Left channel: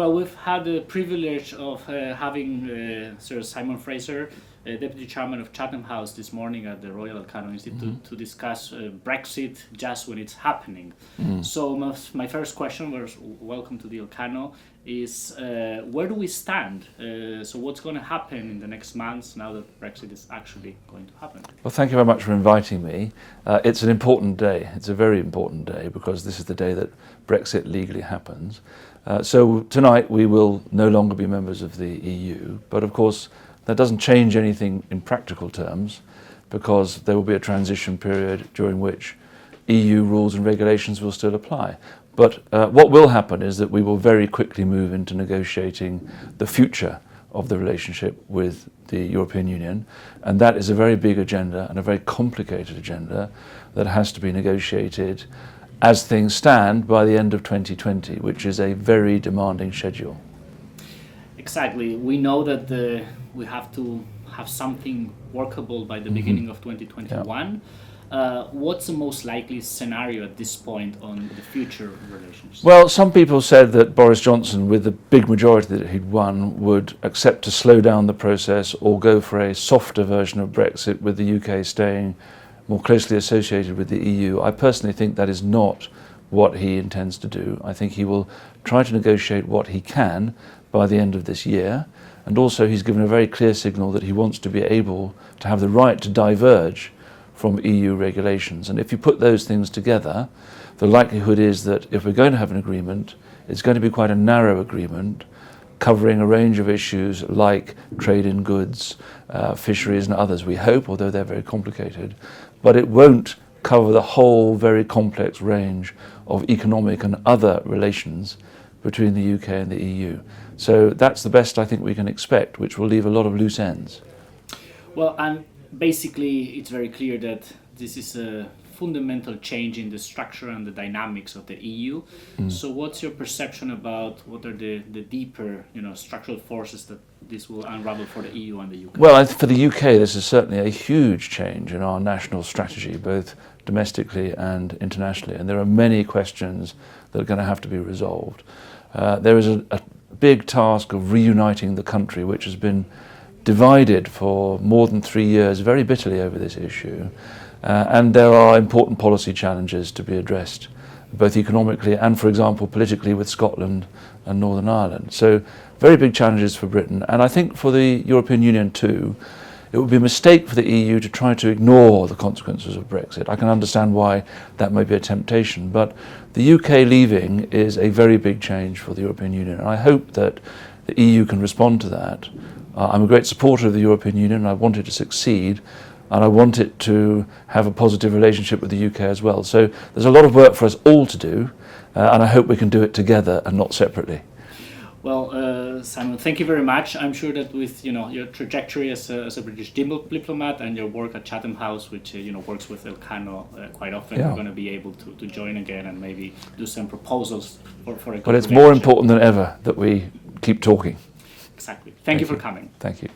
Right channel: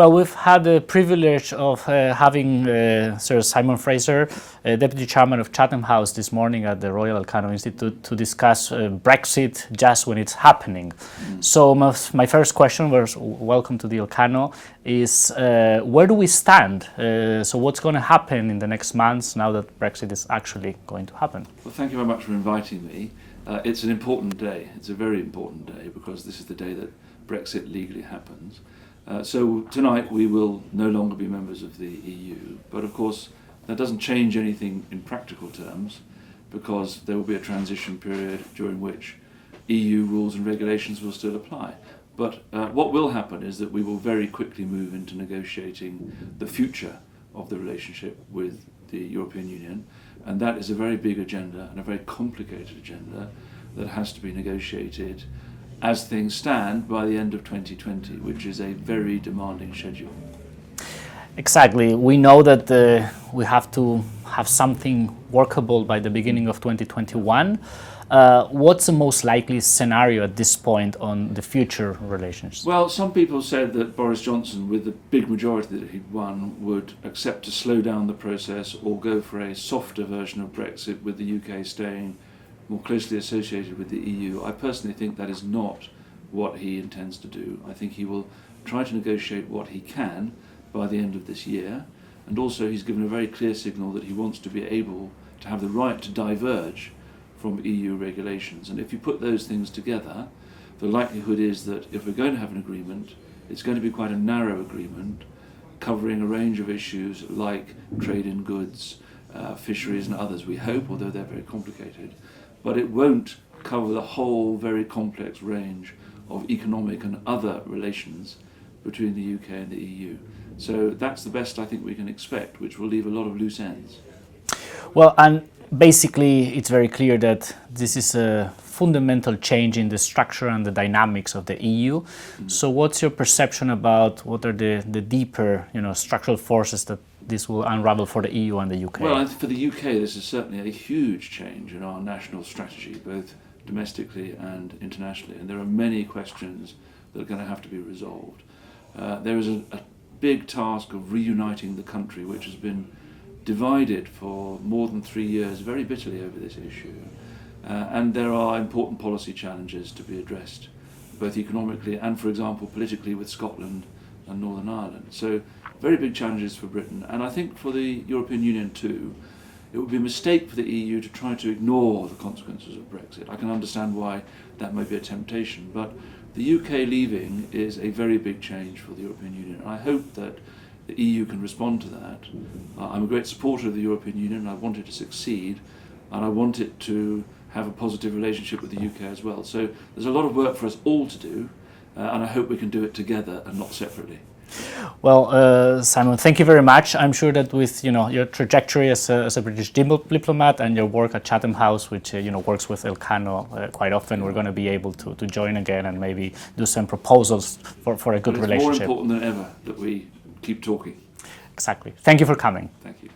Well, we've had the privilege of having Sir Simon Fraser, Deputy Chairman of Chatham House, this morning at the Royal Elcano Institute to discuss Brexit just when it's happening. So my first question was, welcome to the Elcano, is where do we stand? So what's going to happen in the next months now that Brexit is actually going to happen? Well, thank you very much for inviting me. It's an important day. It's a very important day because this is the day that Brexit legally happens. So tonight we will no longer be members of the EU, but of course that doesn't change anything in practical terms because there will be a transition period during which EU rules and regulations will still apply. But what will happen is that we will very quickly move into negotiating the future of the relationship with the European Union, and that is a very big agenda and a very complicated agenda that has to be negotiated as things stand by the end of 2020, which is a very demanding schedule. Exactly. We know that we have to have something workable by the beginning of 2021. Yeah. What's the most likely scenario at this point on the future relations? Well, some people said that Boris Johnson, with the big majority that he'd won, would accept to slow down the process or go for a softer version of Brexit with the UK staying more closely associated with the EU. I personally think that is not what he intends to do. I think he will try to negotiate what he can by the end of this year, and also he's given a very clear signal that he wants to be able to have the right to diverge from EU regulations. And if you put those things together, the likelihood is that if we're going to have an agreement, it's going to be quite a narrow agreement covering a range of issues like trade in goods, fisheries and others, we hope, although they're very complicated. But it won't cover the whole very complex range of economic and other relations between the UK and the EU. So that's the best I think we can expect, which will leave a lot of loose ends. Well, and basically it's very clear that this is a fundamental change in the structure and the dynamics of the EU. So what's your perception about what are the deeper, structural forces that this will unravel for the EU and the UK? Well, for the UK, this is certainly a huge change in our national strategy, both domestically and internationally. And there are many questions that are going to have to be resolved. There is a big task of reuniting the country, which has been divided for more than 3 years very bitterly over this issue. And there are important policy challenges to be addressed, both economically and, for example, politically with Scotland and Northern Ireland. So very big challenges for Britain. And I think for the European Union too, it would be a mistake for the EU to try to ignore the consequences of Brexit. I can understand why that may be a temptation, but the UK leaving is a very big change for the European Union. And I hope that the EU can respond to that. I'm a great supporter of the European Union and I want it to succeed, and I want it to have a positive relationship with the UK as well. So there's a lot of work for us all to do, and I hope we can do it together and not separately. Well, Simon, thank you very much. I'm sure that with your trajectory as a British diplomat and your work at Chatham House, which works with Elcano quite often, we're going to be able to join again and maybe do some proposals for a good relationship. But it's more important than ever that we keep talking. Exactly. Thank you for coming. Thank you.